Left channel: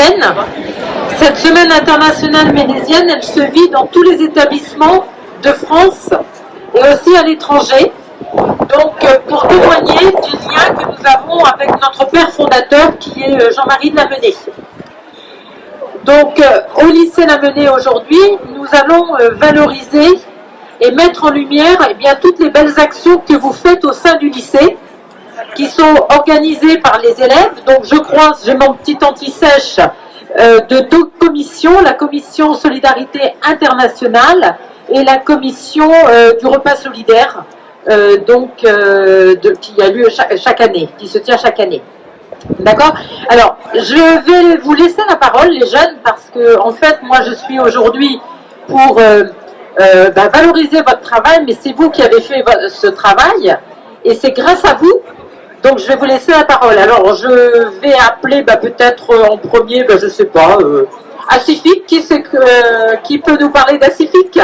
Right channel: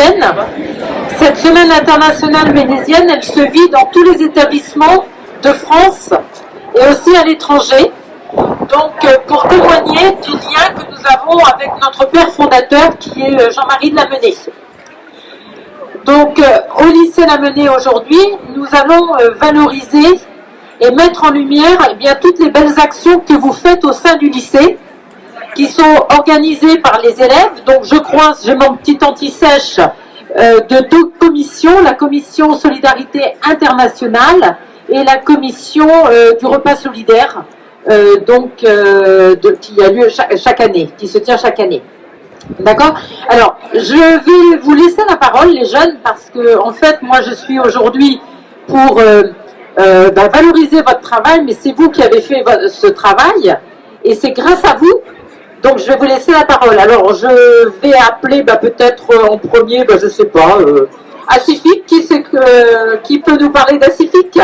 ménésienne. Cette semaine internationale ménésienne, elle se vit dans tous les établissements de France et aussi à l'étranger. Donc, pour témoigner du lien que nous avons avec notre père fondateur qui est Jean-Marie de Lamennais. Donc, au lycée Lamennais aujourd'hui, nous allons valoriser et mettre en lumière toutes les belles actions que vous faites au sein du lycée, qui sont organisées par les élèves. Donc, je crois, j'ai mon petit anti-sèche de deux commissions, la commission Solidarité Internationale et la commission du repas solidaire, qui a lieu chaque année, qui se tient chaque année. D'accord? Alors, je vais vous laisser la parole, les jeunes, parce que, en fait, moi, je suis aujourd'hui pour valoriser votre travail, mais c'est vous qui avez fait ce travail, et c'est grâce à vous. Donc, je vais vous laisser la parole. Alors, je vais appeler peut-être en premier, je ne sais pas, Acifique. Qui peut nous parler d'Acifique?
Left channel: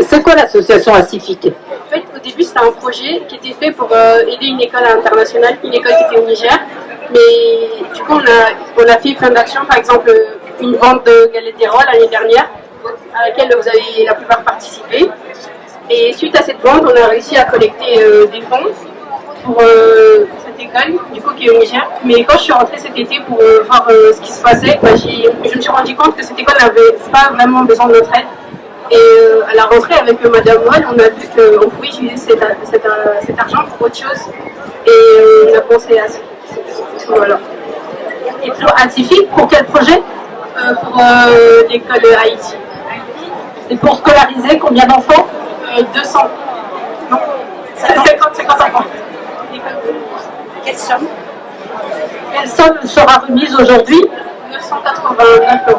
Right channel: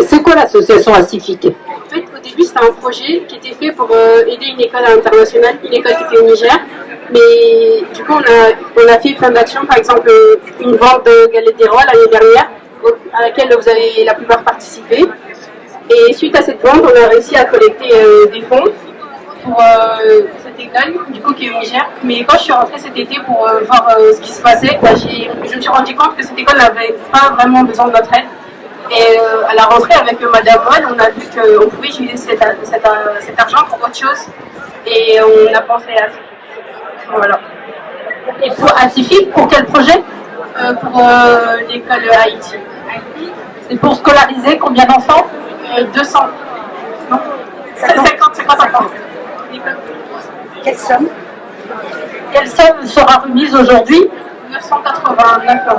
C'est quoi l'association Acifique? En fait, au début, c'était un projet qui était fait pour aider une école internationale, une école qui était au Niger. Mais du coup, on a fait plein d'actions, par exemple une vente de galettes des rois l'année dernière, à laquelle vous avez la plupart participé. Et suite à cette vente, on a réussi à collecter des fonds pour cette école, du coup, qui est au Niger. Mais quand je suis rentrée cet été pour voir ce qui se passait, je me suis rendu compte que cette école n'avait pas vraiment besoin de notre aide. Et à la rentrée avec Madame Moll, on a vu qu'on pouvait utiliser cet argent pour autre chose. Et on a pensé à ça. Voilà. Et pour Acifique, pour quel projet? Pour l'école de Haïti. Et pour scolariser combien d'enfants? 200. Non, 50 enfants. Quelle somme? Quelle somme sera remise aujourd'hui? 989 €.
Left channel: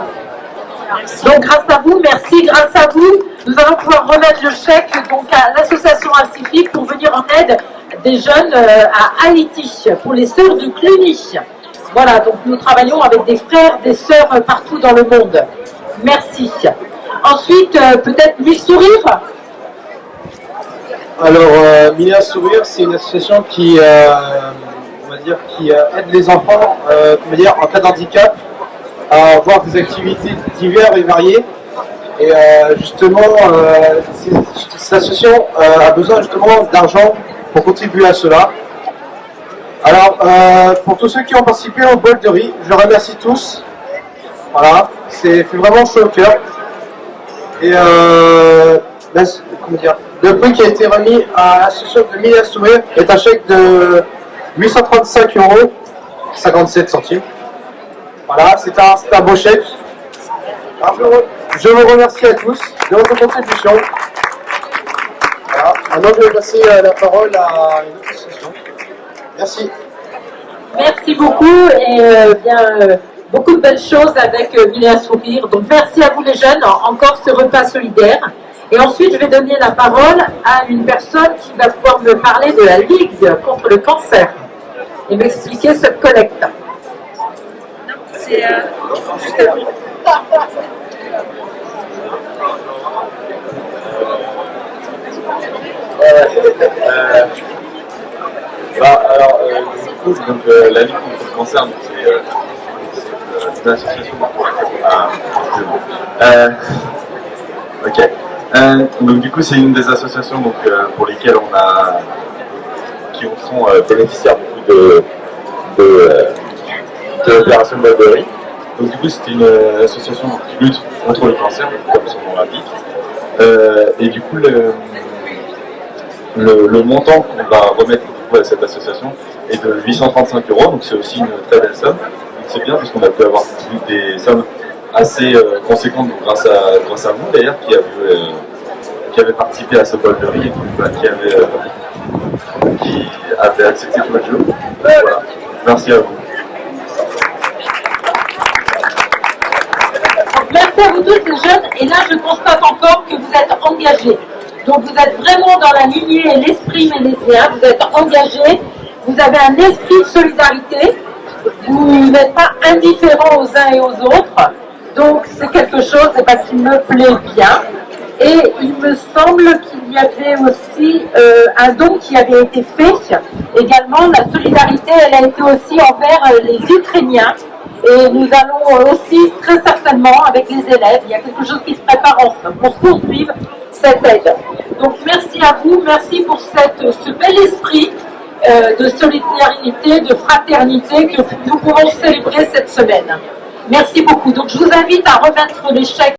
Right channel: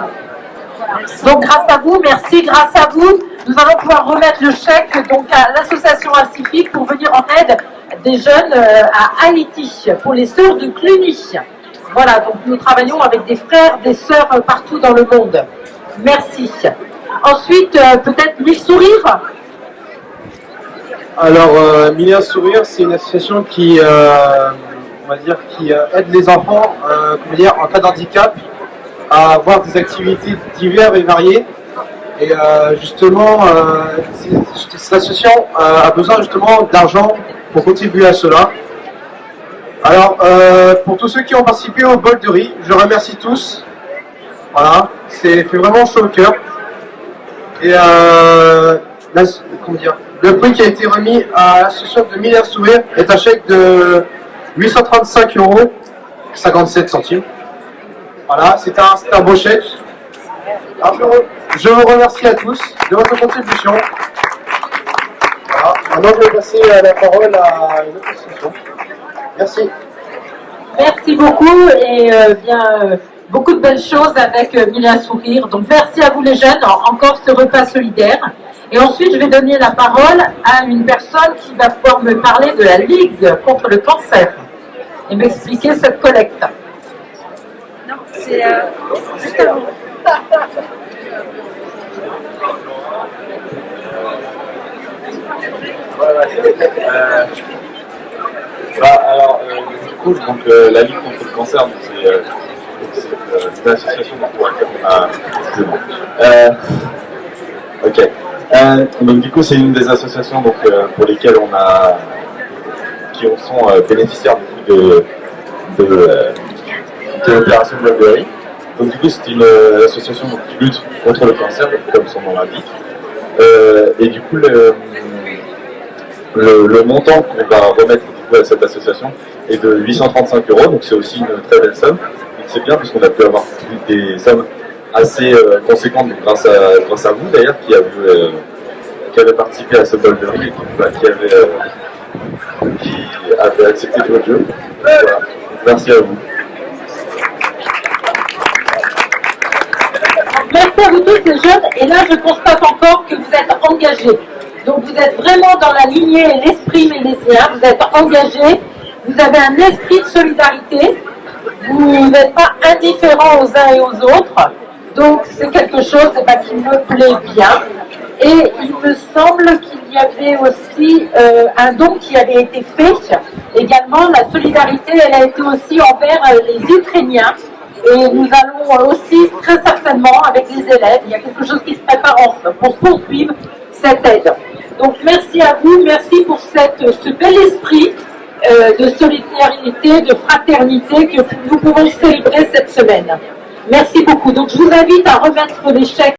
Donc grâce à vous, merci, grâce à vous, nous allons pouvoir remettre le chèque donc à l'association Acifique pour venir en aide des jeunes à Haïti, pour les sœurs de Cluny. Voilà, donc nous travaillons avec des frères, des sœurs partout dans le monde. Merci. Ensuite, peut-être Mille Sourires. Alors, Mille Sourires, c'est une association qui, qui aide les enfants, en cas d'handicap, à avoir des activités diverses et variées. Et justement, cette association a besoin justement d'argent pour contribuer à cela. Alors, pour tous ceux qui ont participé au bol de riz, je les remercie tous. Voilà, c'est fait vraiment chaud au cœur. Et le prix qui a été remis à l'association de Mille Sourires est un chèque de 835,57 €. Voilà, c'est un beau chèque. Alors, je vous remercie à tous de votre contribution. Voilà. Maintenant, je vais passer la parole à une autre association. Merci. Merci beaucoup et beaucoup de belles choses avec Mille Sourires. Donc merci à vous les jeunes, encore ce repas solidaire. Et ensuite, je vais donner la parole à une personne qui va pouvoir me parler de la Ligue contre le cancer et m'expliquer cette collecte. C'est juste du coup, donc, la Ligue contre le cancer, c'est une association. Ok. Donc du coup, c'est une des associations pour lesquelles qui sont bénéficiaires du coup de l'opération de riz. Donc du coup, c'est une association qui lutte contre le cancer, comme son nom l'indique. Et du coup, le montant qu'on va remettre à cette association est de 835 €, donc c'est aussi une très belle somme. C'est bien parce qu'on a pu avoir des sommes assez conséquentes grâce à vous d'ailleurs qui avez participé à ce bol de riz et qui avait accepté tout le jeu. Voilà. Merci à vous. Merci à vous tous les jeunes. Et là, je constate encore que vous êtes engagés. Donc vous êtes vraiment dans la lignée et l'esprit ménésien. Vous êtes engagés. Vous avez un esprit de solidarité. Vous n'êtes pas indifférents aux uns et aux autres. Donc c'est quelque chose qui me plaît bien. Et il me semble qu'il y avait aussi un don qui avait été fait. Également, la solidarité, elle a été aussi envers les Ukrainiens. Et nous allons aussi, très certainement, avec les élèves, il y a quelque chose qui se prépare pour poursuivre cette aide. Donc, merci à vous, merci pour ce bel esprit de solidarité, de fraternité que nous pourrons célébrer cette semaine. Merci beaucoup. Donc, je vous invite à remettre les chèques